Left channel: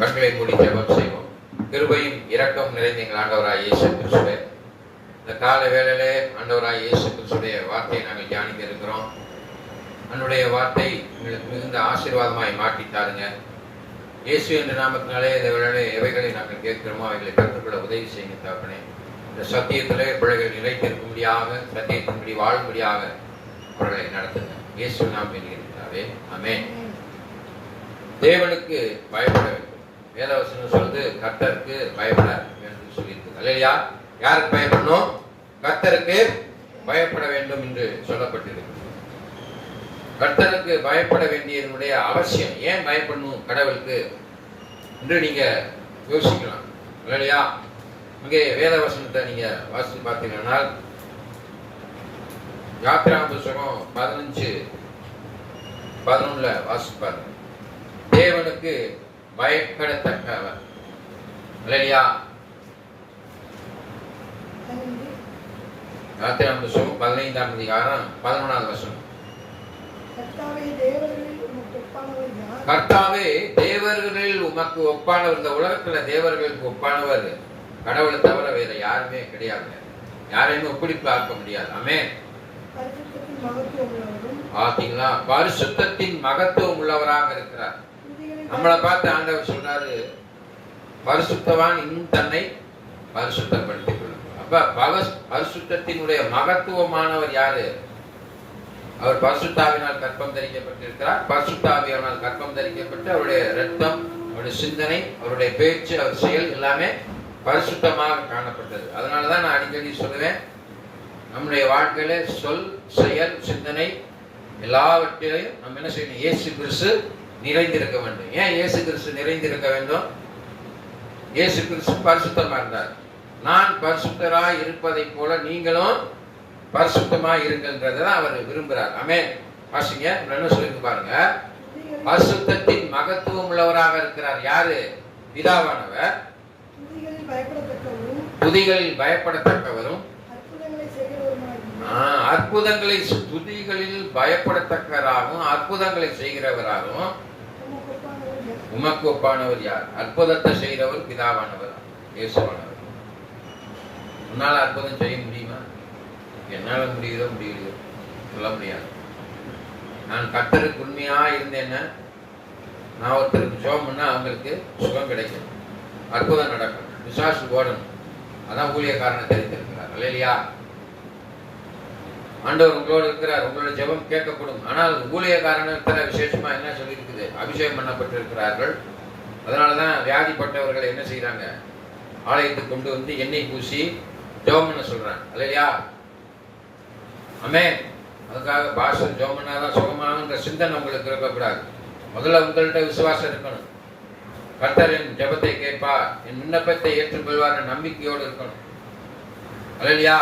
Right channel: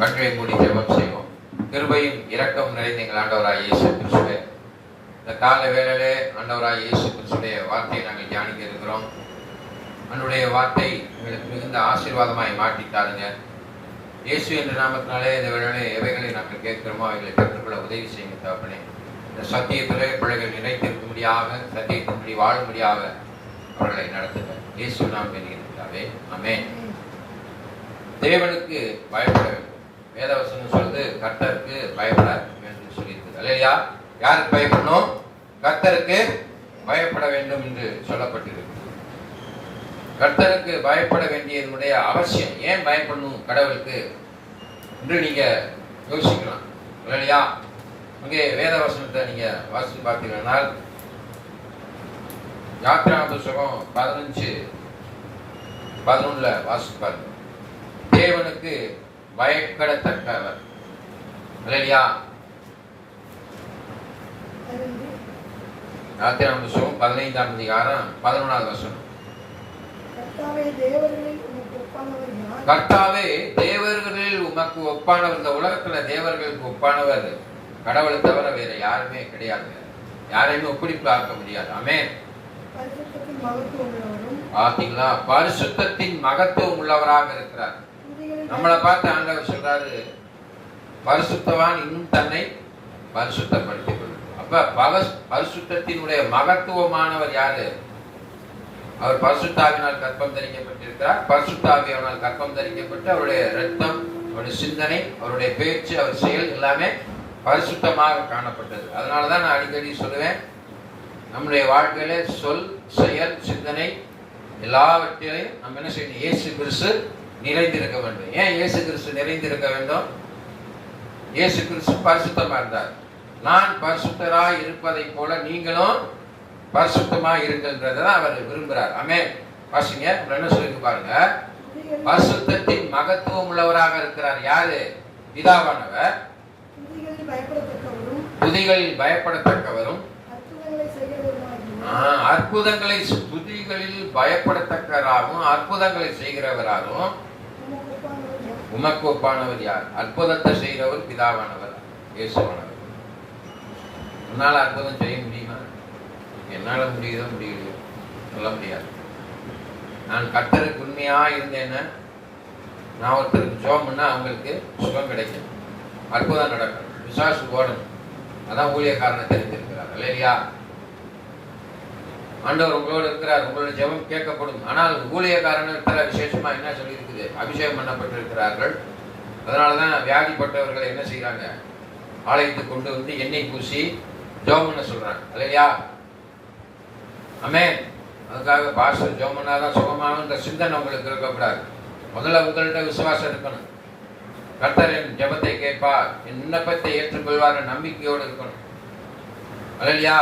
கண்களை மூடி ஜெபம் செய்வோம். கிருபையும் இரக்கம் நிறைந்த எங்கள் ஆண்டவராய் இயேசு கிறிஸ்துவே, இந்த கால வேளையிலே ஆண்டவராய் இயேசு கிறிஸ்துடைய வார்த்தையை நாங்கள் தியானிக்க இருக்கிறோம். அன்னுடைய வார்த்தை எங்களுக்கு மிகுந்த ஆசீர்வாதமாய் மாற்றித்தாருங்க. இயேசு என்ற நாமத்தினாலே இந்த வேளையிலே எவைகளை நாங்கள் கேட்கிறோமோ அவைகளை கற்றுக்கொள்ள உதவி செய்யுங்க தகப்பனே. இந்த சத்தியத்திலே பிள்ளைகள் நிலைத்திருக்கும்படியாக, சத்தியத்தின்படி வாழும்படியாக அவர்களை நடத்துங்க. இயேசு நாம் இருக்கிறாவே, ஆமென். தேவனுக்கு பயப்பட வேண்டும். வேதவசனம் சொல்றது கர்த்தருக்கு பயப்பட வேண்டும் சொல்லியிருக்குது. அல்லையா? யாருக்கு பயப்படணும்? கர்த்தருக்கு பயப்பட வேண்டும் என்று சொல்லப்பட்டிருக்கு. கர்த்தருக்கு பயப்பட வேண்டியதனுடைய அவசியம், ஏன் பயப்படணும் கடவுளுக்கு என்று நீங்க யோசிக்கலாம். இல்லையா? அங்கே வேதவசனத்தை நீங்க வாசித்து பார்த்தீங்கன்னா யாத்திராகம புத்தகம் 15:11 வாசித்து பாருங்க. தேவனுக்கு பயப்படத்தக்கவர். இல்லையா? யாத்திராகம புத்தகம் 15ஆம் அதிகாரம் 11வது வசனம். கர்த்தாவே தேவர்களில் உமக்கு ஒப்பானவர். இந்த உலகத்துல தேவர்களுக்கு ஒப்பானவர் கடவுளை தவிர வேற யாருமே கிடையாது. யாரையுமே ஒப்பிடி பார்க்க முடியாது. ஆமென். பாத்தீங்களா? பரிசுத்தத்தின் மகத்துவம் உள்ளவராக இருக்கிறார். நம்மளை பார்த்து ஆண்டவர் சொல்றாரு, பரிசுத்தவான் இன்னும் தன்னை பரிசுத்தப்படுத்திக் கொள்ளும். அப்ப பரிசுத்தத்தினுடைய மகத்துவமானவர் யாரு? அவர் பரிசுத்தாவினால் கற்பம் தரிக்கப்பட்டிருக்கிறார். பரிசுத்தாவியானால் கற்பம் தரிக்கப்பட்டு அவருடைய ரத்தம், அவருடைய சிந்தனை, அவருடைய பேச்சு, அவர் செயல் எல்லாமே பரிசுத்தமாக காணப்பட்டது. அதனாலதான் நான் அடிக்கடி சொல்லுவேன், நம்முடைய வாழ்க்கையில சொல், செயல், சிந்தனை எல்லாவற்றிலையும் நம்ம என்ன செய்யணும்? இயேசு கிறிஸ்து நிறைந்திருக்க வேண்டும். ஏன் இயேசு கிறிஸ்து நிறைந்திருக்க வேண்டும்? இயேசு கிறிஸ்து பரிசுத்தமா இருந்தார். நான் பரிசுத்தராய் இருப்பதை போல நீங்களும் பரிசுத்தமாய் இருக்கின்றதான் அவர் விரும்புகிறார். ஆமென். வாசிங்க, என்ன சொல்லி பாருங்க. பரிசுத்தத்தின் மகத்துவம் உள்ளவராக இருக்கிறார். யாரு? பிதாவானவர். துதிகளில் பயப்படத்தக்கவரும், அற்புதங்களை துதிகளில் பயப்படத்தக்கவராகவும் அற்புதங்களை செய்கிறவராகவும் உமக்கு ஒப்பானவர் யார்? அற்புதத்தை செய்கிறவர் பிதாவானவர், இயேசுவானவர். உன்னால அற்புதம் செய்ய முடியுமா? என்னால முடியுதோ முடியலையோ சொல்ல முடியாது. நான் கர்த்தருக்கு உண்மையா இருந்தேன்னா, நான் ஒருத்தருக்கு ஜெபம் பண்ணா அவங்களுக்கு சுகம் கிடைக்கும், அற்புதம் நடக்கும், பிசாசு ஓடணும். அதான் ஊழியக்காரனை தெரிந்திருக்கிறார். இல்லையா? ஆண்டவர் உங்களோட இருக்கிறார், உங்களோட ஜெபம் கேட்கப்படும். ஆனால் ஊழியக்காரனத்துல விசேஷமா என்ன சொல்லி இருக்குது? அபிஷேகம் பண்ணப்பட்டிருக்கிறார்கள். அதனாலதான் வியாதிப்பட்டவர்களை என்ன செய்யறாங்க? ஆலயத்துக்கு கொண்டு வந்து எண்ணெய் பூசி ஜெபம் பண்ண சொல்றாங்க. இல்லையா? ஆமென். அதுக்காக பாஸ்டர் ஜெபம் பண்ணாதான் சுகமாகுன்ற சிந்தனை உங்களுக்கு இருக்கக்கூடாது. முதல்ல உங்கள்கிட்ட விசுவாசம் இருக்கணும். கர்த்தர் என் ஜெபத்தை கேட்பார், என் விண்ணப்பத்தை ஏற்றுக்கொள்வார் நம்பிக்கையோடு இருக்கணும். அல்லையா?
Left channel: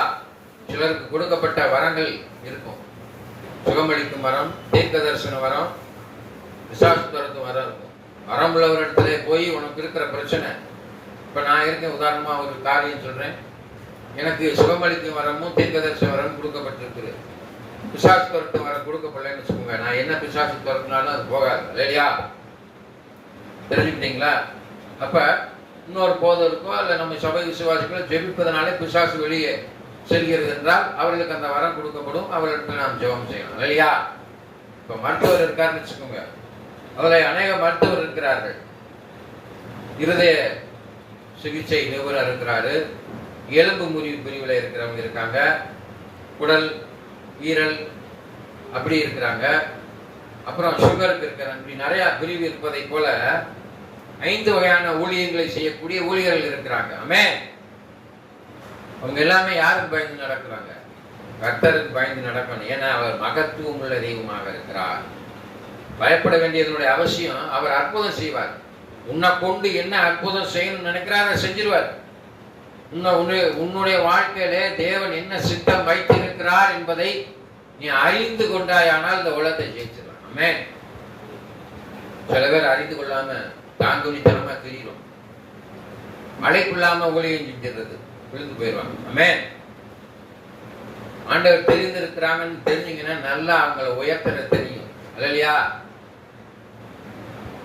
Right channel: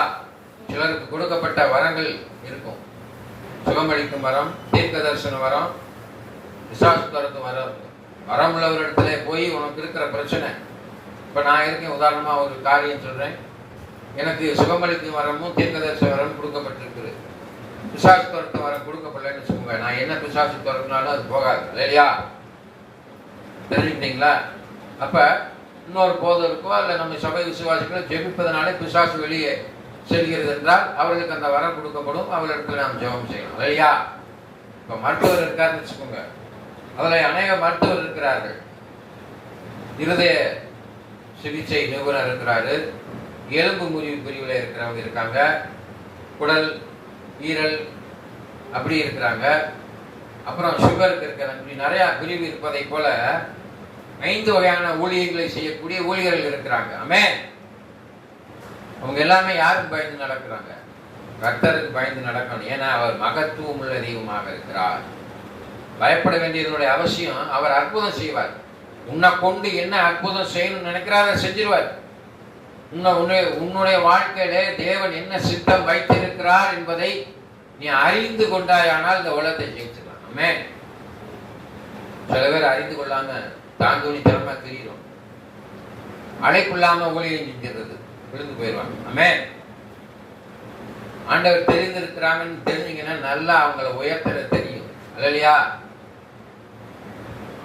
சிலருக்கு கொடுக்கப்பட்ட வரங்கள் இருக்கும். சுகமளிக்கும் வரம், தீர்க்க தரிசன வரம், விசுவாச துரத்தும் வரம் இருக்கும். வரம் உள்ளவரிடத்துல போய் உனக்கு இருக்கிற பிரச்சனை, இப்ப நான் இருக்கேன், உதாரணமா ஒரு காரியம் சொல்றேன், எனக்கு சுகமளிக்கும் வரமும் தீர்க்க தரிசன வரமும் கொடுக்கப்பட்டிருக்கு. பிசாசு துரத்து வரம் கொடுக்கப்படலன்னு வச்சுக்கோங்க, நான் என்ன பிசாசு துரத்தினாலும் அது போகாது. இல்லையா? தெரிஞ்சுக்கிட்டீங்களா? அப்ப இன்னொரு போதருக்கோ அல்ல நம்ம சபை விசுவாசிகளோ ஜெபிப்பதனாலே பிசாசு வெளியே செல்கிறது என்றால் அவர்களுக்கு அந்த வரம் கொடுக்கப்படும். அவர்களிடத்தில் நாம் ஜெபம் செய்யணும். இல்லையா? இப்ப மருத்துவர் இருக்காருன்னு வச்சுக்கோங்க, அதுல அநேக மருத்துவர் இருக்கிறார்கள். இருதய சிகிச்சை நிபுணர் இருக்கிறாரு, எலும்பு முறிவு பிரிவில் இருக்கிறவங்க இருக்காங்க, குடல், ஈரல் அப்படி இருக்கிறாங்க, அப்புறம் சுகருக்கு இருக்கிறாங்க. இப்படி நிறைய பிரிவு இருப்பதை போல 5 வகையான ஊழியர்களை செய்யக்கூடிய ஊழியர்கள் இருக்கிறாங்க. ஆமென். அவங்க எல்லாமே யாருக்கு பயந்து நடக்கிறாங்க? கர்த்தருக்கு பயந்து நடக்கணும். ஏன்னா அவர் மகத்துவம் உள்ள தெய்வமாக இருக்கிறார். பயப்பட வேண்டியதனுடைய அவசியம். அவர் அற்புதம் செய்வார். உன்னை கொண்டு என்ன அற்புதம் செய்யணும்னு நினைக்கிறார், அதை செஞ்சிருவார். உன்னுடைய வாழ்க்கையில தேவன் என்ன சித்தம் வைத்திருக்கிறார் என்பதை நீ அறிந்து கொண்டாயானால் இந்த உலகத்தை ஜெயிச்சிடலாம். ஆமென். சில பேர் அறிந்து கொள்ளாம தாங்குனித்தனமா தெரியும், அழைப்பில்லாம ஊழியம் செஞ்சிருது, விழுந்து போயிடுவாங்க. ஆமென். ஆண்டவர் தெரிந்திருக்கிறாங்கன்னு தெரிஞ்சீங்கன்னா நல்லா அவங்களை உயர்த்தற தெரியும். அல்லையா?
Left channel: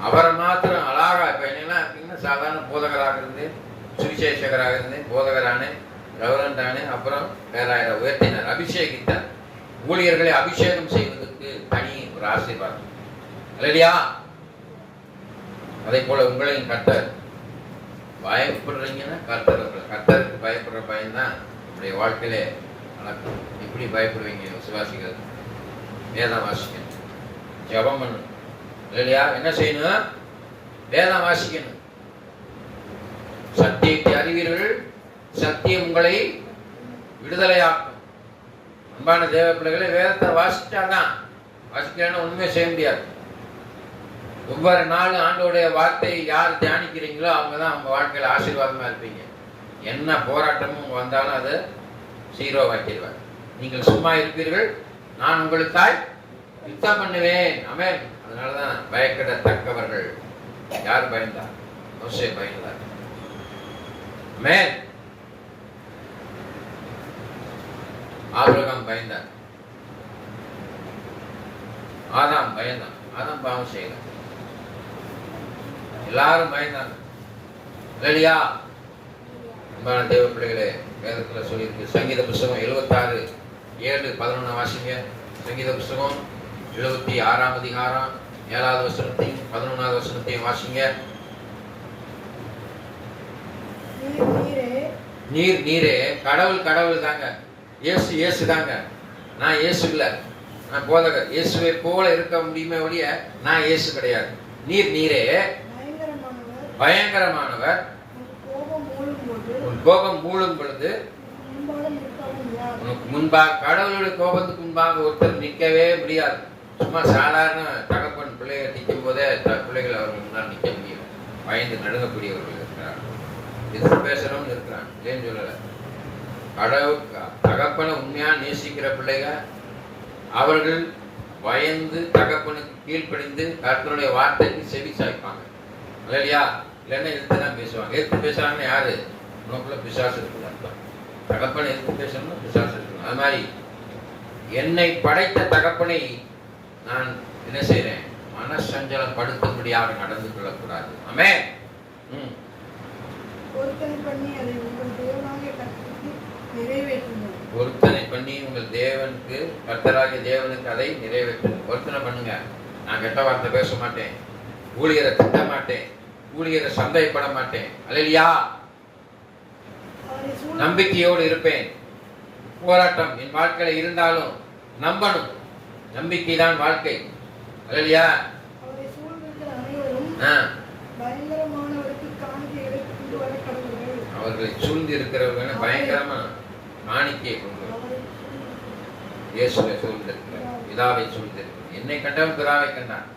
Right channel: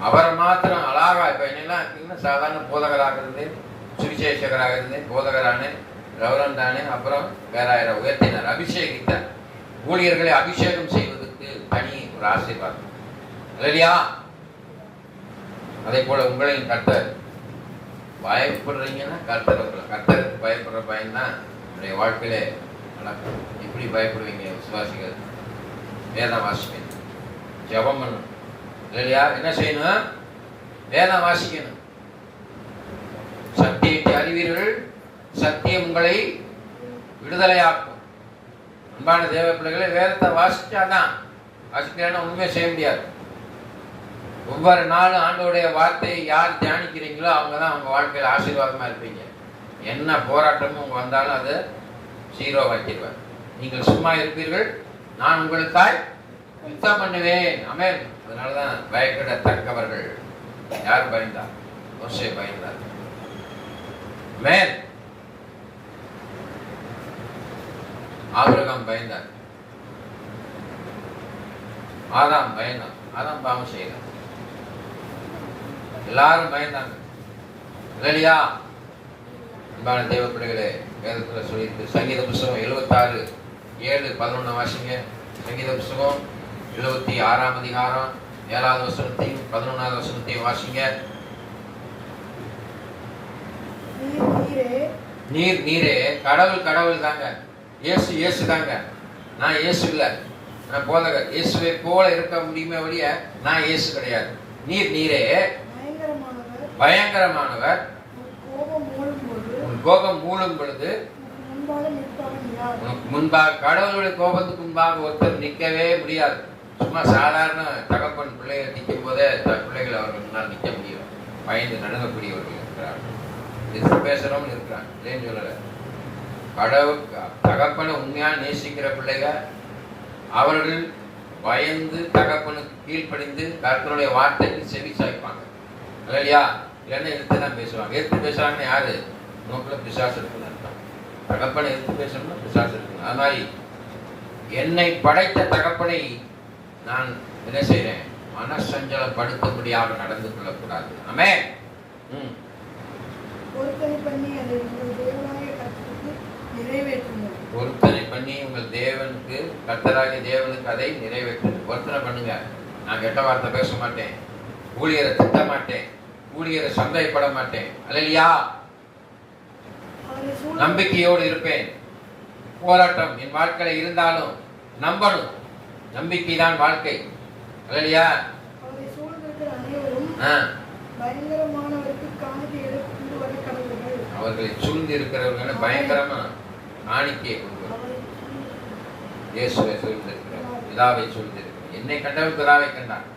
அவரை மாத்திரம் அழகா இப்ப என்னெல்லாம் இருக்கீங்கன்னா சாதாரண போதகராக இருந்தேன், சுவிசேஷகராக இருந்தேன், போதகரானே, ரவரண்டானே, அப்புறம் வேறாயிரம் உயர்த்தினார், அபிஷேகித்தார். ஊழியர்களை அபிஷேகம் செய்வதற்கு தனி ஒரு ஆசீர்வாதம் இல்லையா? அதே போல உங்களையும் கர்த்தர் பயப்படுறீங்கன்னா கர்த்தருக்கு பயப்படுற பயம்தான் நம்முடைய வாழ்க்கையிலே நடக்கும். எப்படி பயப்படுவீங்க? விசுவாசிகள் வேதம் வாசிக்கணும், ஜெபம் பண்ணணும் இல்லையா? என்ன செய்யணும்? வேதம் வாசிக்கணும். சத்தியத்தை அறிவீர்கள், சத்தியம் உங்களை விடுதலையாக்கும். அன்பான தேவ பிள்ளைகளை, வேதத்தை வாசிச்சாதான், வாசிக்கலன்னா ஒண்ணுமே செய்ய முடியாது. ஒவ்வொரு நாளும் ஆண்டோடைய வார்த்தையை யார் தியானிக்கிறீங்களோ அவங்கதான் அவங்க வாழ்க்கையில ஆசீர்வாதமா இருப்பீங்க. என்ன போராட்டமும் உங்க வந்தாலும் அதை சீரோவாக்கிடுவார். நீங்கள் சும்மா இருப்பீர்கள், நான் உங்களுக்காய் யுத்தம் பண்ணுவேன். ஆமென். அதனாலதான் பயப்படத்தக்கவர்கள் யார் பயந்தார்? மோசே பயந்தார். ஆமென். ஆபிரகாம் பயந்தார், ஆதாம் பயந்தான், ஆதாம் பாவம் செய்யல, எல்லாரும் பயந்தாங்க இல்லையா? அன்பான தேவ பிள்ளைகளே, வேதத்துல சொல்லியிருக்கு. சங்கீத புஸ்தகம் 76:7-11 வாசிங்க. சங்கீத புஸ்தகம் 76 அதிகாரம் 7வது வசனத்தையும் 11வது வசனத்தையும் வாசிங்க. நீர் நீரே, கடவுள் கடவுள் தாங்க, இயேசு இயேசு தாங்க. நான் இயேசு இல்ல, நான் போதகர். இயேசுவை போல இருக்க முடியுமே ஒழிய நான் இயேசு கிடையாது. நீர் நீரே பயங்கரமானவர், உன் கோபம் மூழும் பொழுது உனக்கு முன்பாக, கடவுளுடைய கோபத்துக்கு முன்பாக ஒருத்தர் நிற்கவே முடியாது. சும்மா சாதாரண தகப்பன் பிள்ளைகள் நிற்கும் போதே பிள்ளைகள் அவர்கள் முன்னால் நிற்க முடியும். பயந்து நடுங்கக்கூடியவர்கள் இருக்கிறார்கள், எதிர்த்து பேசுறவங்க இருக்கிறாங்க. இல்லைன்னு சொல்லல. கடவுள் தகப்பனை உண்மையா நேசிக்கிற பிள்ளைகள் அவர்கள் பயந்து தகப்பனுக்கு கீழ்ப்படிந்து கர்த்தருடைய வார்த்தைக்கு செவி சாய்ப்பாங்க இல்லையா? இல்லைன்னா எதிர்த்து தான் பேசுவாங்க. எதிர்த்து பேசுறாங்கன்னா யாரு? உனக்குள்ள பிசாசு இருக்குன்னு அர்த்தம். தகப்பனை எதிர்த்து பேசணும்னா பிசாசு இருக்கணும். அது மாதிரி என்னை படைத்த தகப்பனை நான் என்ன செய்யறேன்? மனசஞ்சலப்படுத்தும்படியாக நடந்து கொள்ளக்கூடாது. ஆமென். பொருத்தனை பண்ணி உங்கள் தேவனுக்கு, கர்த்தராகிய தேவனுக்கு அதை நிறைவேற்றுங்க. பொருத்தனை பண்ணுங்க. நான் கெட்ட வார்த்தை பேச மாட்டேன், ஊழியரை திட்ட மாட்டேன், ஊழியரை சந்தேகப்பட மாட்டேன். அல்லேலூயா. நம்பிக்கையோடு இருப்பேன். போராட்டம் என் வாழ்க்கையில இருந்தாலும் நம்பணும். நம்பிக்கை தான் வாழ்க்கை. அல்லேலூயா. அவர்களை சூழ்ந்து இருக்கிறவர்கள் பயங்கரமா காணிக்கை கொண்டு இயேசுவை சூழ்ந்திருக்கிறார், பிதாவை சூழ்ந்திருக்கிறார். என்னை கண்டவன் பிதாவை கண்டான்.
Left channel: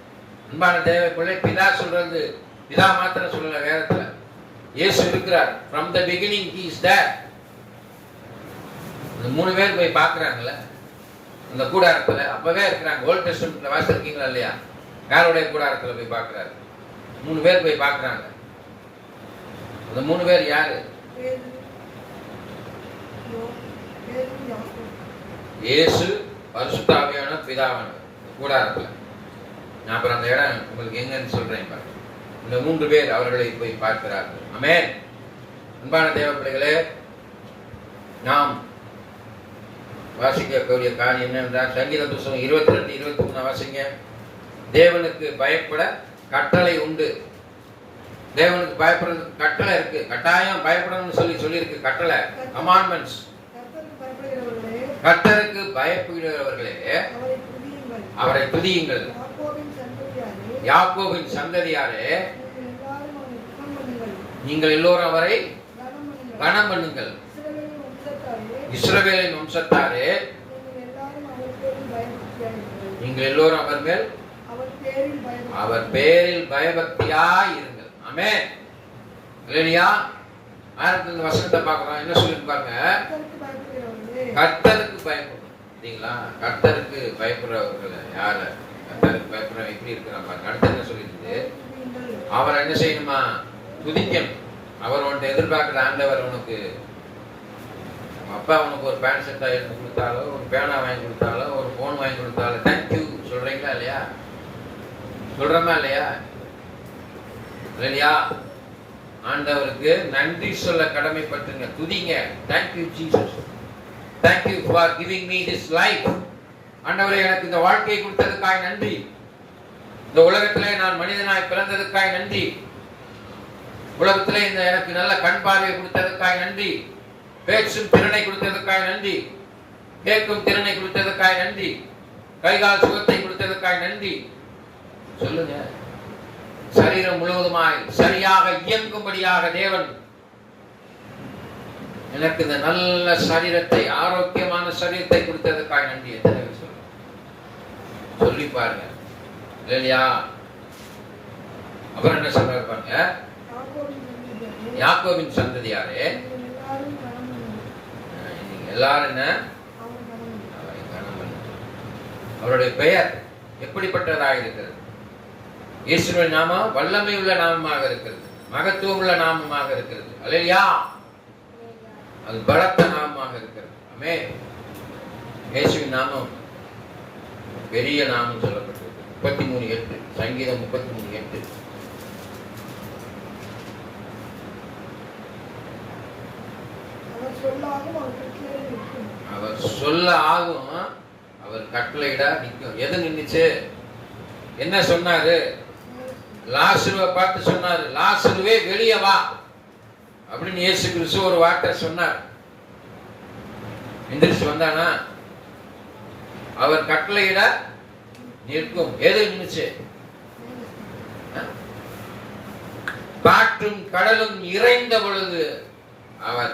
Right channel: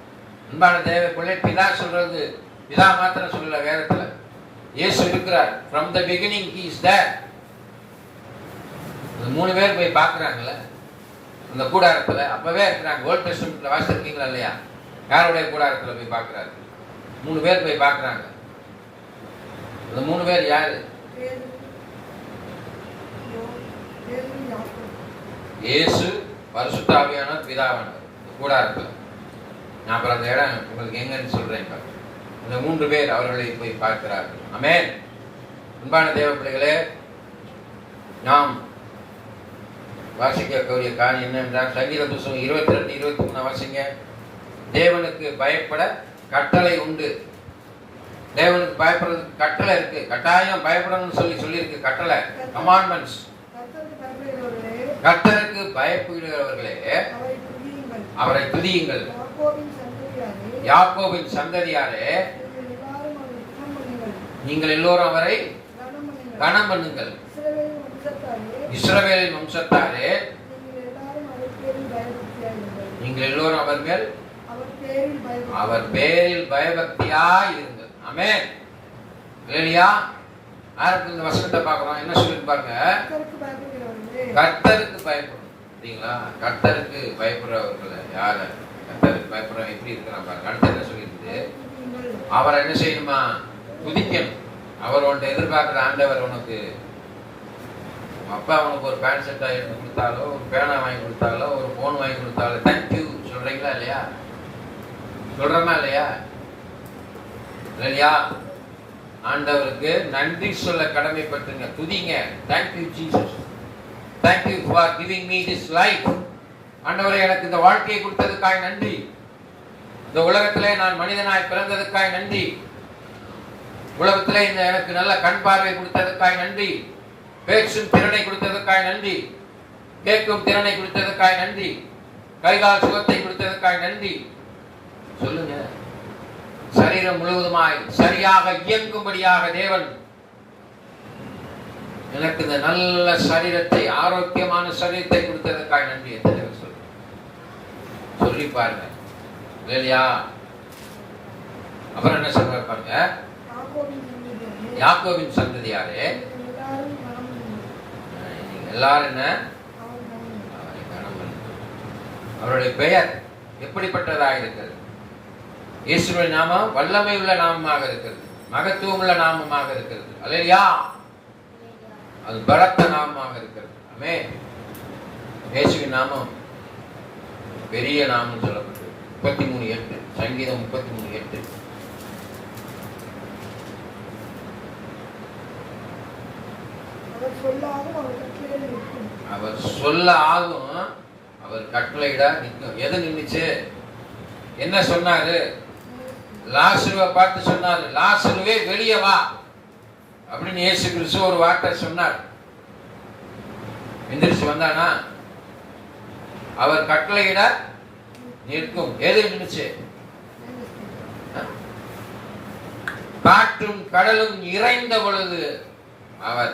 அன்பான தேவ பிள்ளை, பிதா சொல்றது பிதா மாத்திரம் சொல்லல, வேதத்துல இயேசு இருக்கிறார். from the beginning he is there. அந்த 3 பேர் போய் பாக்குறாங்கல்ல அந்த கூடாரத்துல, அப்பவே இருக்கிறாங்க. ஓல்ட் டெஸ்டமென்ட்ல வாசிச்சிருக்கீங்களா இல்லையா? யாருடைய கூடாரத்துல போய் பாக்குறாரு? 3 பேர் போய் பாக்குறாங்க. அந்த 3 பேர் யாரு? இயேசு, பரிசுத்த ஆவியானவர், பிதாவானவர். கூடாரத்துல நான் அப்புறம் அந்த இடம் உங்களுக்கு எங்கன்னு சொல்றேன் பாருங்க. இந்த 3 பேர் அவர்களை போய் பார்க்கிறார்கள். ஆமென். அன்பான தேவ பிள்ளைகளே, நாம் வாசிக்கக்கூடிய காரியம் என்னென்றால் சங்கீத புஸ்தகம் 22-23 வாசிங்க. தேவனுக்கு பயப்பட கட்டளை உண்டு. தேவனுக்கு பயப்படுறதுக்கு கட்டளை இருக்கு. கட்டாயம் பயப்படணும்னு சொல்லியிருக்கு. கட்டளை, கமாண்ட்மெண்ட்ஸ். கர்த்தருக்கு பயப்படுகிறவர்களே அவரை துதியுங்கள். யாக்கோபின் சந்ததியாரே நீங்கள் எல்லோரும் அவரை கனம் பண்ணுங்கள். இஸ்ரவேலின் வம்சத்தாரே நீங்கள் எல்லோரும் அவர் பேரில் பயபக்தியாய் இருங்கள். ஆமென். இல்லையா? ஆரம்பத்துல இந்த வசனத்தை பார்க்கிறோம். என்ன சொல்லி பாருங்க? கர்த்தருக்கு பயப்படும். சரிங்களா? கர்த்தருக்கு பயப்படுறவர்கள் யாரு? கர்த்தருக்கு பயப்படுற எப்படி இருக்கிறான் பாருங்க. அடுத்து என்ன சொல்லிட்டு அவரை என்ன செய்யணுமா? துதிக்கணும். அவர் உன்னை எதிர்பார்க்கிற ஆண்டவர் உனக்கு அப்பா உனக்கு ஒரு பேண்ட் ஷர்ட் எடுத்து கொடுத்தாலோ, ஒரு பேனா வாங்கி கொடுத்தாலோ, ஒரு போன் வாங்கி கொடுத்தாலோ தேங்க்யூ சொல்றீங்களா இல்லையா? சொல்றமா இல்லையா? இல்லையா? ஆண்டவருக்கு நன்றி சொல்ல கடமைப்பட்டுங்க, துதிங்க. Thank you Jesus, thank you for giving me this life. ஆண்டவரே, எனக்கு இந்த வாழ்க்கையை கொடுத்ததுக்காக நன்றி. இந்த உலகத்திலே நான் மனிதனாய் பிறந்ததுக்காக நன்றி. உலகத்திலே இந்த எனக்கு நல்ல கண் பார்வை கொடுத்ததுக்காக நன்றி. பேச்சும் திறனை கொடுத்ததுக்காக நன்றி. கேட்கும் திறனை கொடுத்ததுக்காக நன்றி. கைகால் சுகத்தை கொடுத்ததுக்காக நன்றி. சொல்லுங்க. சரீரம் முழுவதுமாய் சரியாக இயங்கும்படியாக தேவன் எனக்கு இந்த நல்ல சரீரத்தை, ஆரோக்கியமான சரீரத்தை கொடுத்ததுக்காக நன்றி. எத்தனை சொல்லி பாருங்க, இல்லையா? அப்புறம் என்ன சொல்றாரு பாருங்க, யாக்கோபின் சந்ததியாரே, எல்லாரும் என்ன, அவருடைய பெயர் எப்படிப்பட்டதாக இருக்கிறது? இயேசுவின் நாமம் வல்லமை உள்ள நாமமாக இருக்கிறது, மகத்துவம் உள்ள நாமமாக இருக்கிறது. அல்லேலூயா. அது பலத்த நாமமாக இருக்கிறது. ஆமென். இயேசுவின் நாமம் பெரிய நாமம் சொல்லப்பட்டது. 33:8 சங்கீதம் 33:8. அவர் சொல்ல ஆகும், அவர் கட்டளையிட நிற்கும். எது நின்னுச்சு? என்ன சொன்னாரு? லாசருவை பார்த்து சொன்னாரு, லாசருவே வெளியே வா அப்படின்னு இயேசு கிறிஸ்து ஒரு வார்த்தை சொன்னார். எந்திரிச்சு வந்தானா? அவர் கட்டளையிட நிற்கும். எது நின்னுச்சு? காற்றும் கடலும் இறைந்த பொழுது அவர்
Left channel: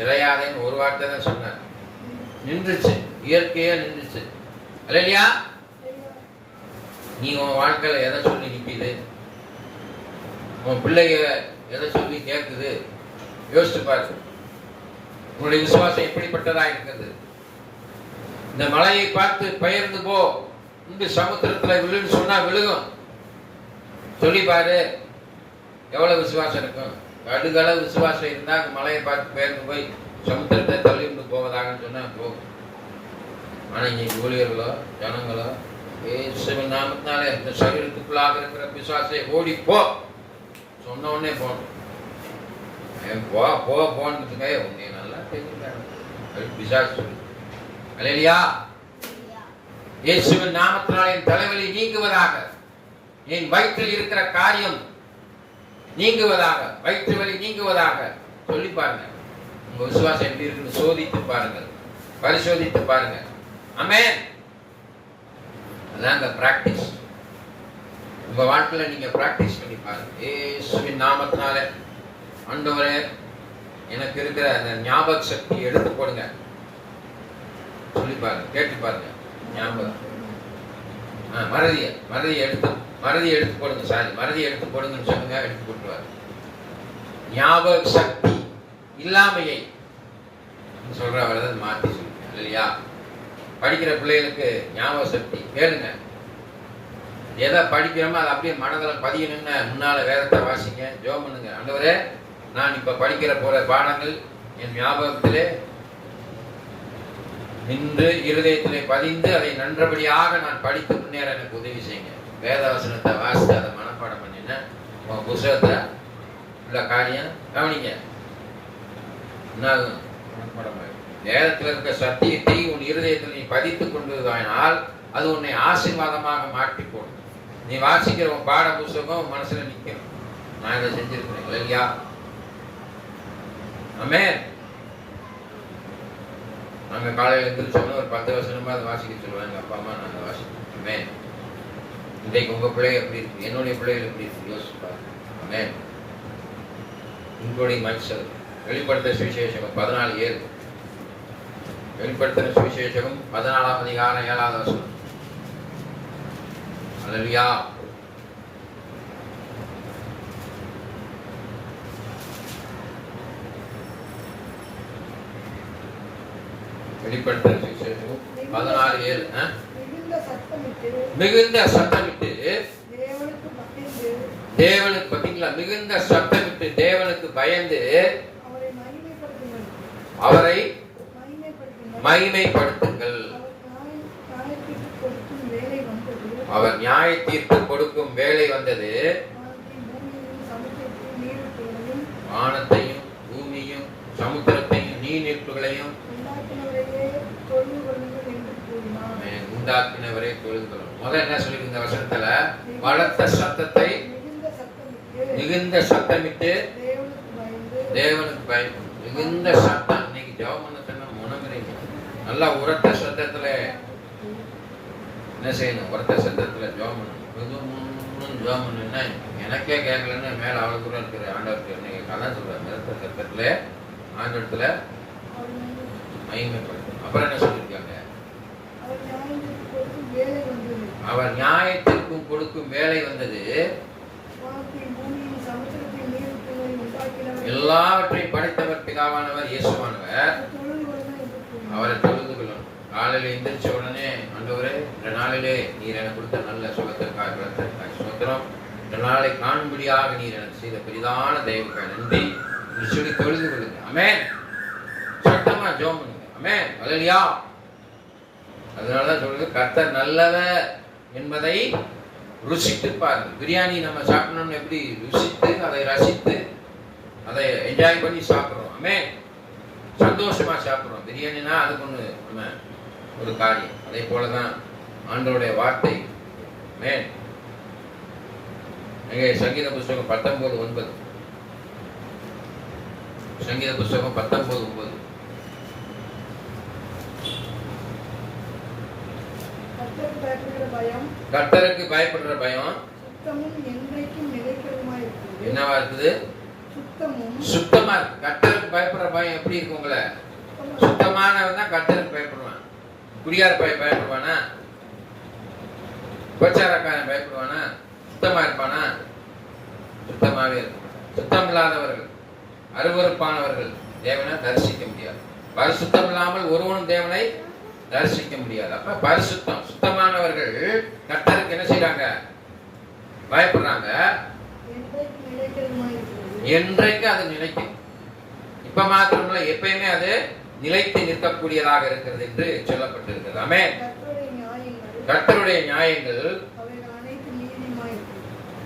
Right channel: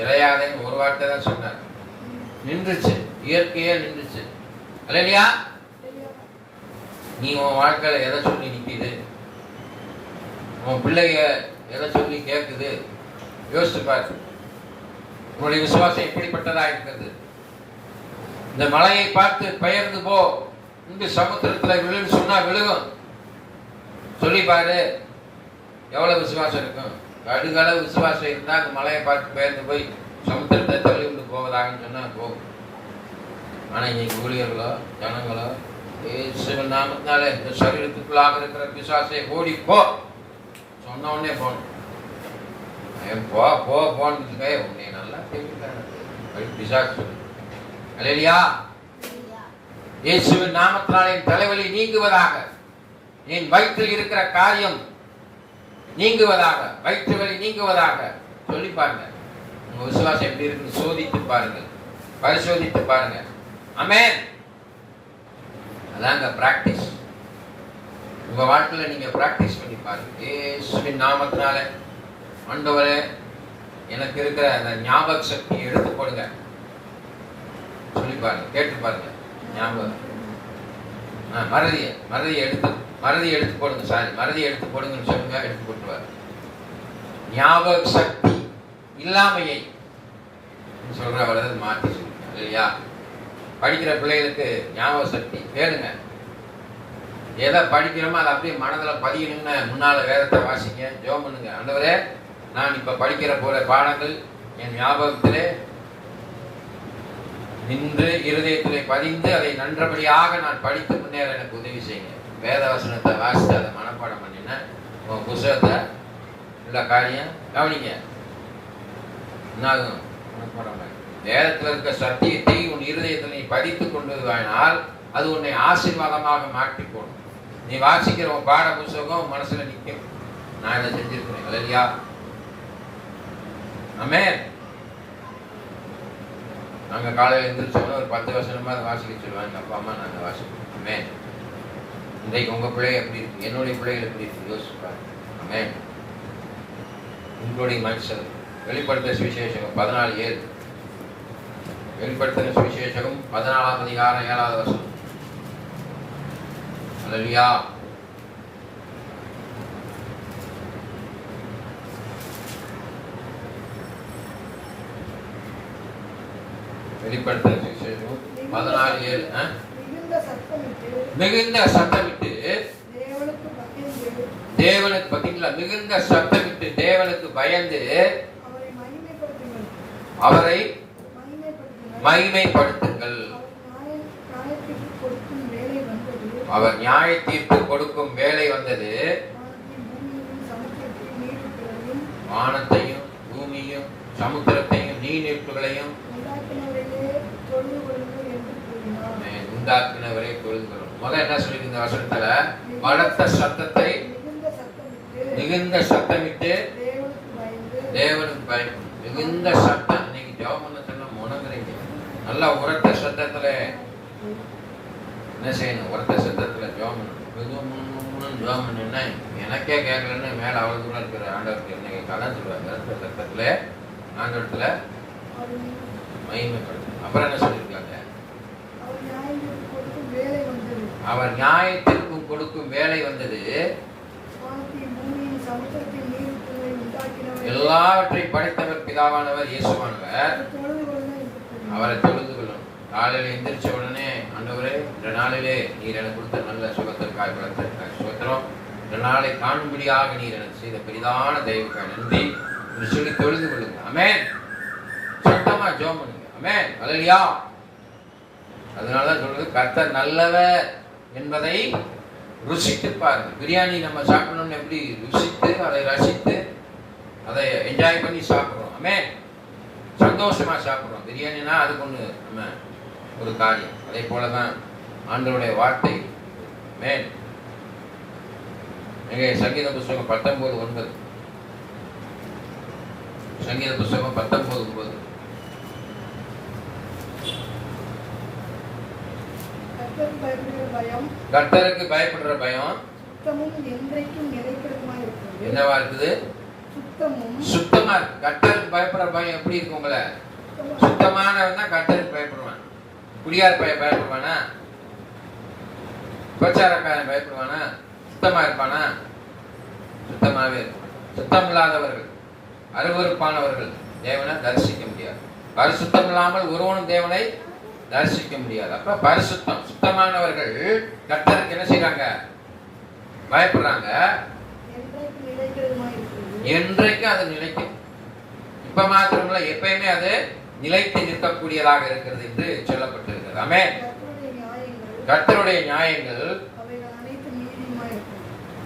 இறையாதேன்னு ஒரு வார்த்தை தான் சொன்னார். நின்றுச்சு, இயற்கையா நின்றுச்சு. அல்லேலூயா. நீ உன் வாழ்க்கையில எதை சொல்லி நிற்கிது? உன் பிள்ளைங்க எதை சொல்லி கேட்குது? யோசிச்சு பாரு. உன்னுடைய விசுவாசம் எப்படிப்பட்டதா இருக்கிறது? இந்த மலையை பார்த்து பெயர்ந்து போ, இந்த சமுத்திரத்துல விழுன்னு சொன்னா விழுகும். சொல்லி பாரு, எவ்வளவு விசுவாசம் இருக்கும்? கடுகளவு விசுவாசம் இருந்தா அந்த மலையை பார்த்து பெயர்ந்து போய் சமுத்திரத்தை தள்ளி விட்டு போவதாகன்னு சொன்னா போகும். ஆனா இன்னைக்கு ஊழியர்களோ ஜனங்களோ இயேசுவின் நாமத்தினாலே இந்த சரீரத்துக்குள்ளாக இருக்கிற பிசாசை ஓடி போ சொன்ன உடனே போகணும். போ போ போனதுக்கே உன்னை நல்லா தெரிஞ்சுக்காங்க பிசாசு சொல்லு. அல்லேலூயா. இயேசுவின் நாமத்தினாலே என் தலைவலி நீங்குவதாக, என் வயிற்றில் இருக்கிற காரியம் நீங்குவதாக, வயிற்று வலி நீங்குவதாக சொல்லி பாருங்க. உங்க விசுவாசம் எப்படி இருக்குன்னு சோதித்து பாருங்கள், பரிசோதித்து பாருங்க. ஆமென். அதாங்க பிராக்டிஸ். உங்க வாழ்க்கையில நீங்க பிராக்டிஸ் பண்ணி பாருங்க. இயேசுவின் நாமத்தினால ஆண்டவரே எனக்கு இருக்கிற அந்த ஞாபக சக்தியை எடுத்து போடுங்க சொல்லி பாருங்க, கேட்டு பாருங்க. ஞாபகம் மறதியை எடுத்து போடுங்க. சாரி, மறதியை எடுத்து போடுங்கன்னு சொல்லுங்க, எடுத்து போட்டுருவாரு. ஞாபக சக்தி இல்லாமையை சொல்றவரது மாற்றி சொல்லுங்க. இல்லையா? படிக்கிற பிள்ளைகளுக்கு ஞாபக சக்தி கேளுங்க. எதை படிக்கிறோமோ அதை அப்படியே மனதில் பதியணும்னு முன்னால வேதத்தை வாசிங்க, ஜெபம் பண்ணுங்க. ஆண்டவரே, நான் இப்ப படிக்கிற போற பாடங்கள் என் ஞாபகத்திலே நின்று இருதயத்திலே பதிந்து அதை நன்றபடியாக நான் படித்து முன்னேற எனக்கு உதவி செய்யுங்க. வேதவசனத்தை வாசித்து அதை மனப்பாடம் பண்ணின உன் புத்தகத்தை உள்ள காரியம் கவனிங்க. என்னாகும்? மனப்பாடம். வேதத்தில் இருக்க சத்தியத்தை உன் இருதயத்தில் நீ பதித்து கொண்டு வாயினால் அது உன்னை ஆசீர்வாதமாக மாற்றி போடும். நீ வாசிக்கிற உன் பாட புத்தகம் மனசுல நிற்கும். நான் இதை செஞ்சிருக்கிறேன். இல்லையா? ஆமென். நாங்க காலையில் எழுந்திரிச்சோம்னா ஒரு 10 வருஷமா அதை வாசிக்க சொல்லுவாங்க அப்பா அம்மா. நாங்க வாசிப்போம். ஆமென். இன்றைக்கு உங்க பிள்ளைங்க எப்படி இருக்கு, என்னுடைய பிள்ளைகள் எப்படி இருக்கு யோசிச்சு பாருங்க. ஆமென். உங்களுடைய மனுஷன் வெளிப்படுத்த சுவிசேஷகம் 14:7. வெளிப்படுத்தின சுவிசேஷகம் 14ஆம் அதிகாரம் 7வது வசனம். அல்லேலூயா. வெளிப்படுத்தின சுவிசேஷகம் 14:7. மிகுந்த சத்தமிட்டு தேவனுக்கு, பார்த்தீங்களா? மிகுந்த சத்தமிட்டு தேவனுக்கு பயந்து அவரை மகிமைப்படுத்துங்கள். அவர் நியாய தீர்ப்பு கொடுக்கும் வேலை வந்தது. வானத்தையும் பூமியும் சமுத்திரத்தையும் நீர்நிலைகளையும் உண்டாக்குனவரை தொழுகிறோம். முதல்ல என்ன சொல்லி இந்த வசனத்துல, பலத்த சத்தத்தை மிகுந்த சத்தமிட்டு தேவனுக்கு பயப்படும். மிகுந்த சத்தம். இன்னைக்கு ஜெபம் பண்ண சொன்னா உணங்குறீங்க. நல்லா உரத்த சத்தத்துல என்ன செய்யணும்? உரத்த சத்தத்துல ஜெபம் பண்ணணும். ஜெபம் பண்ணுன்னா எனக்கே கேட்கலன்னு மேல அவ்வளவு தூரம் இருக்கிற ஆண்டவருக்கு என்ன கதை சொல்றாங்க. உரத்த சத்தத்துல ஆண்டவத்துல மகிமைப்படுது. அப்புறம் என்ன சொல்லியிருக்காங்க? அவர் நியாயத்திற்கும் கொடுக்கும் வேலை வந்தது. எல்லாவற்றையும் படைத்தவர் பிதாவானவர் இயேசுவானவர். அவரை தொழுதுகிறோம். காலையில் எந்திரிச்ச உடனே, ஆண்டவரே இந்த நாளிலே நீர் எனக்கு கொடுத்த நல்ல சுகத்திற்காய் பலத்திற்காய் சுகத்திரம், இந்த நாளை காணும்படியாக நீர் எனக்கு செய்த பெரிதான தெய்வக்காய் நன்றி சொல்லி தொழுது கொள்ளுங்க. ஆமென். சத்தமா ஜெபம் பண்ணுங்க. ஆமென். அல்லேலூயா. அதனாலதான் சொல்றது, கர்த்தர் நல்லவர் என்பதை ருசித்து பாருங்கள். பிரியாணி நம்ம சாப்பிடணும்னு எப்படி ருசித்து அதை ரசித்து அதை என்ஜாய் பண்ணி சாப்பிடுறோம். ஆமென். சந்தோஷமா சாப்பிடுறோம். பிரியாணினா அதுக்கு ஒண்ணு நம்ம ஒரு காரியம். அதே போலதான் ஆண்டவருடைய வார்த்தை. ஆமென். எங்க சங்கீத புஸ்தகம் 19:9. சங்கீத புஸ்தகம் 19:9. கர்த்தருக்கு பயப்படுற பயம் என்னவா இருக்குது? சுத்தமா இருக்கு. கர்த்தருக்கு பயப்படுற பயம் எப்படி இருக்கு? உங்களை சுத்தமானவன் தான் கர்த்தருக்கு பயப்படுவான். குடியார் பயப்படுவானா? பிரச்சாரக்காரன் பயப்படுவானா? சுத்தமா இருப்பானா? சுத்தமாவே இருப்பான். சுத்தம் இல்லாதவர்கள், அருவருப்பானவர்கள் தேவனை தரிசிக்க முடியாது. பரிசுத்தம் இல்லாமல் ஒருவனும் தேவனை தரிசிக்க முடியாது. அப்ப பரிசுத்தம், சுத்தமானவர்கள் கர்த்தருக்கு என்ன செய்யறாங்க? பயப்படுறாங்க. என்றைக்கு அது நிலைக்கும். இப்ப மாத்திரமல்ல, எப்பயுமே அது நிலைத்து நிற்கக்கூடியதாக இருக்கிறது என்று சொல்லப்பட்டிருக்கிறது. ஆமென். கர்த்தருடைய நியாயங்கள்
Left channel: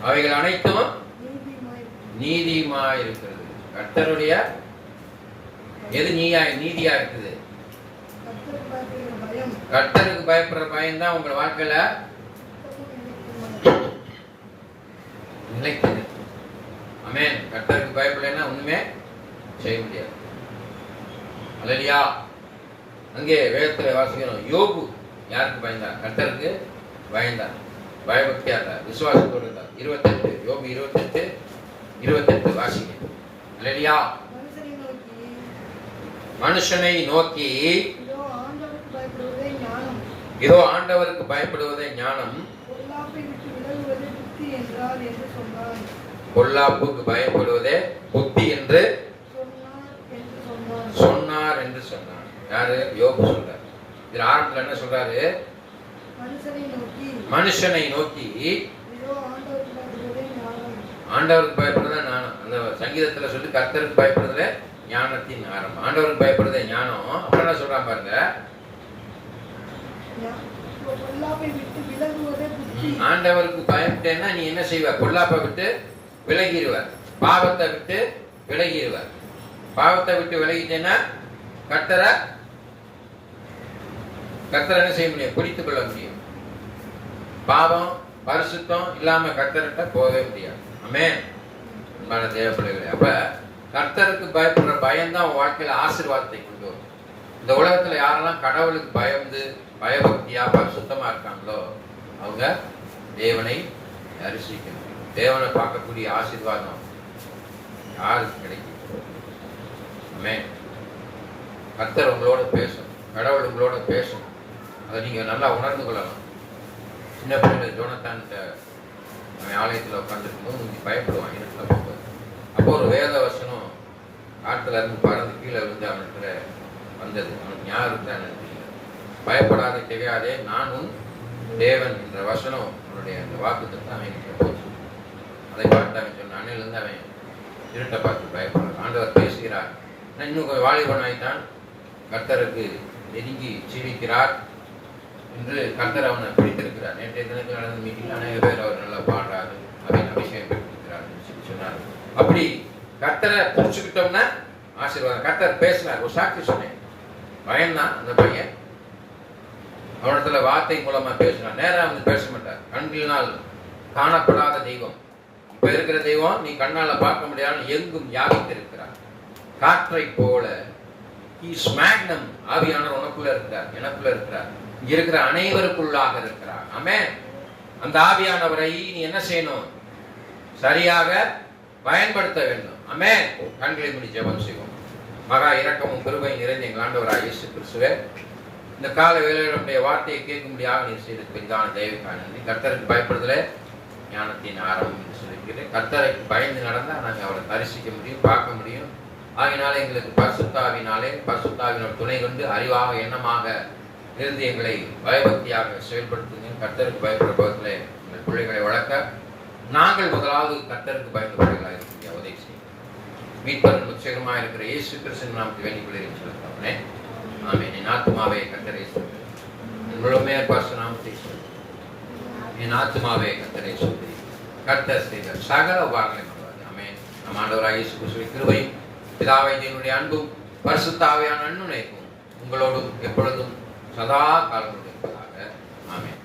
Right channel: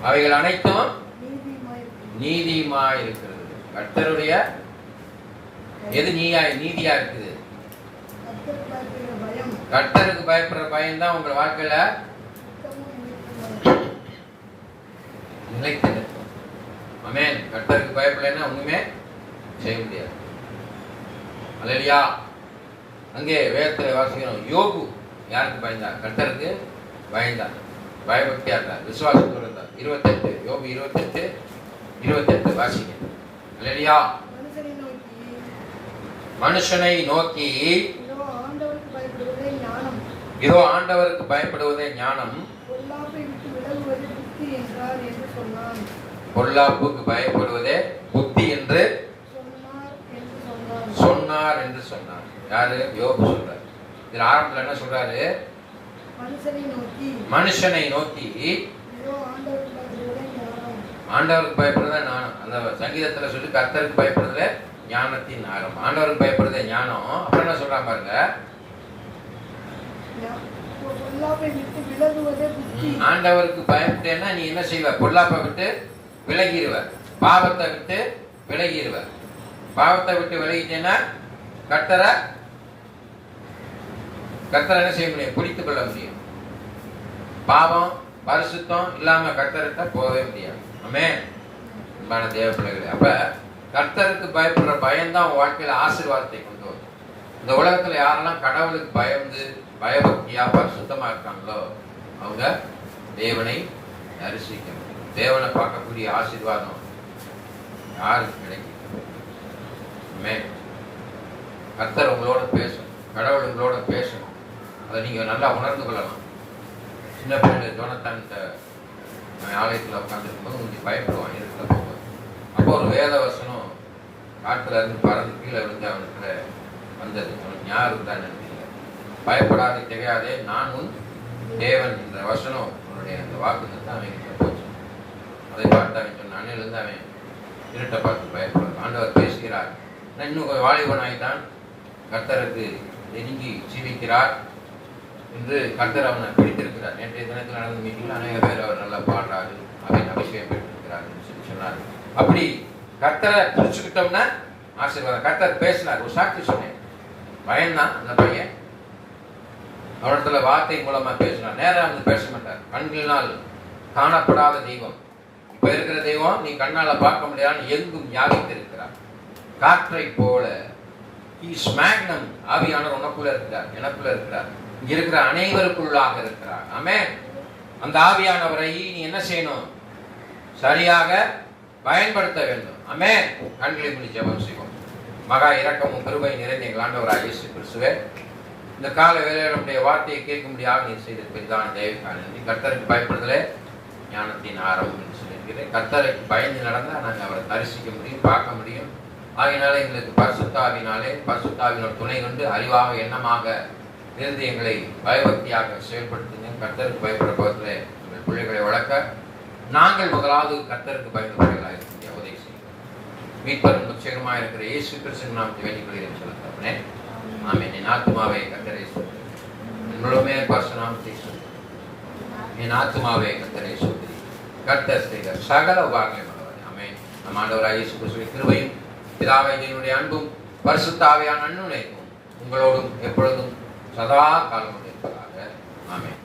அவைகள் அனைத்தும் நீதியுமாய் இருக்கிறது. கர்த்தருடைய எது நீதியா இருக்குது? கர்த்தருக்கு பயப்படுற பயம் தான் உங்க வாழ்க்கையில நிலைத்து நிற்கும். ஆமென். கர்த்தருக்கு பயப்படலைன்னா ஒண்ணுமே செய்ய முடியாது. அல்லேலூயா. அங்கே வேதத்துல வாசிக்கிறோம், யோபு யாருக்கு பயந்தார்? கர்த்தருக்கு பயந்தார். பயபக்தியா இருந்தார், விசுவாசத்தோடு இருந்தார். 28 யோபு 28 வாசிங்க. அல்லேலூயா. மனுஷனை நோக்கி இதோ ஆண்டவருக்கு பயப்படுவதே ஞானம், பொல்லாப்புக்கு பயப்படுவதே புத்தி என்று சொன்னார் என்று சொன்னார். யாரு? யோபு சொல்றார். இது ஆரம்பத்துல என்ன சொல்றாரு? மனுஷனை நோக்கி ஆண்டவருக்கு பயப்படுறதே ஞானம். அந்த சங்கீதத்துல சொல்லி கர்த்தருக்கு பயப்படுறதுல ஞானத்தின் ஆரம்பம். ஆண்டவருக்கு பயப்படுறதே ஞானம். அப்புறம் என்ன சொல்றா பாருங்க, ஆண்டவருக்கு பயப்பட்டேன்னா நீ என்ன செய்வ? பொல்லாப்பை விட்டு விலகிடுவ, பாவத்தை விட்டு விலகிடுவ. பாவத்தை விட்டு விலகிட்டேன்னா கர்த்தரை என்ன செய்ய முடியும்? பிடித்துக் கொள்ள முடியும். பாவம் பரிசுத்தம் இல்லாம கர்த்தர்கிட்ட போகவே முடியாது. ஆமென். அன்பான தேவ பிள்ளைகளே, அப்ப கர்த்தருக்கு பயப்படுற பயம்தான் உன் வாழ்க்கையில ஆசீர்வாதத்தை கொண்டு வரும். இந்த உலகத்துல யாரெல்லாம் கடவுளுக்கு பயந்து பயபக்தியா பரிசுத்தமா இருக்காங்களோ அவங்க தேவனை தரிசிக்க முடியும். தேவனை பார்க்கக்கூடிய ஆசீர்வாதம் யாருக்கு கிடைக்கும்? ஆமென். கர்த்தர் உங்களோட பேசும், கடவுள் உங்களோட பேசும். அதை நீங்க நல்லா உணர்ந்து கொள்ளலாம். சின்ன பிள்ளை ஜோனத்தான் ஆலயத்தில் உட்காந்துருக்கும் போது கொஞ்சம் பயப்படுவான் இருட்டுல போகும்போது. அப்போ ஒரு வேத வசனம் காட்டுல இருந்து பறந்து கீழே விழுந்து அவனுக்கு வந்தது. அவனுக்கு ஞாபகம் தான் தெரியல. பயப்படாதே தெரியாதே நானும் தேவன் என்ற வசனம் அவனுடைய அந்த வாக்குத்தை தான் அவன் போச்சு. அதை பார்த்து அவன் சொன்ன அண்ணிலிருந்து அவன் இருட்டை பார்த்து பயப்படுறான். ஆண்டவர் பேசுகிறார். நான் இன்னும் கொஞ்சம் வாலிபனாய்தான் கர்த்தருக்கு நெருங்கி ஜீவிக்கிறார் என்று கர்த்தர் அவனை பிடித்திருக்கிறார். நேற்றைய தினத்தில் நடந்த மீட்டிங்கில் அநேக பேர் அவர் நல்லா பாடுறாரு, அவன் அபிஷேகம் பெற்றிருக்கிறார் என்று சொல்லி சொன்னார். அப்படி கர்த்தரை புடிச்சுக்கிட்டோம்னா ஆசீர்வாதம். கர்த்தர் பேசினார், ஒரு சாட்சி சொன்னேன். பயன்தான் அந்த பையன். அவனத்துல வார்த்தை மூலமா பேசினார். நேரா வந்து பேச மாட்டார். கண்களினால் காணப்படாத தெய்வம். இப்ப இருக்கிற தெய்வம் நீ கண்ணால பார்க்க முடியாது, எங்கும் வியாபித்து இருக்கிறார். காற்றை போல மேக்னம் ஆவியானவர் உனக்குள்ள இருக்கிறார், எனக்குள்ள இருக்கிறார், இங்க இருக்கிற அனைவருக்குள்ளாக இருக்கிறார். ஆமென். அந்த ஆவியானவரை நீ என்ன செய்யணும்? சரியாக பயன்படுத்த வேண்டும். ஆமென். கண்களை மூடி ஜெபம் செய்வோம். மகா இரக்கமும் கிருபை நிறைந்த எங்கள் ஆண்டவராகிய இயேசு கிறிஸ்துவே, இந்த கால வேளையில் நம்முடைய வார்த்தையை கேட்கும்படியாக நீ செய்த பெரிதான தயவுக்காக நன்றி. கர்த்தருக்கு பயப்படுதலே ஞானத்தின் ஆரம்பம் என்று சொல்லியிருக்கிறேன். கர்த்தரை பயந்து நடந்தால் நாங்கள் அவரை தரிசிக்க முடியும், பார்க்க முடியும். ஆகினாலே எங்களுக்கு பரிசுத்தாவினோட துணை கொண்டு அறிவாக எண்ணமாக இருந்து எங்களை பயபக்தியாக செயல்படுத்துங்க. கர்த்தருக்கு பயப்படுற பக்கத்தில் எங்கள் பிள்ளைகளை வளர்க்க நாங்கள் முதலாவது கர்த்தருக்கு பயந்த பிள்ளைகளாக இருக்க முடியாது. உதவி செய்யும். மீட்பரும் உச்சகரமாக இருக்கிற இயேசு கிறிஸ்துவின் நாமத்தை வேண்டிக் கொள்கிறேன் சொல்லுங்க. ஆமென். என் ஆத்துமாவே கர்த்தரை சொல்லுங்கள், என் முழுமையாக பரிசுத்த நாமத்தை சொல்லுங்கள். என் ஆத்துமாவே கர்த்தரை சொல்லுங்கள். கர்த்தர் செய்த சகல உபகாரங்களையும் பண்ணுவார். ஆமென். நம் ஆண்டவராகிய இயேசு கிறிஸ்துவின் கிருபையும் பிதாவே என்னுடைய அன்பும் பரிசுத்த ஆவியான அன்பும் உங்களோடும் எப்பொழுதும் சதா காலம் இருப்பதாக. ஆமென்.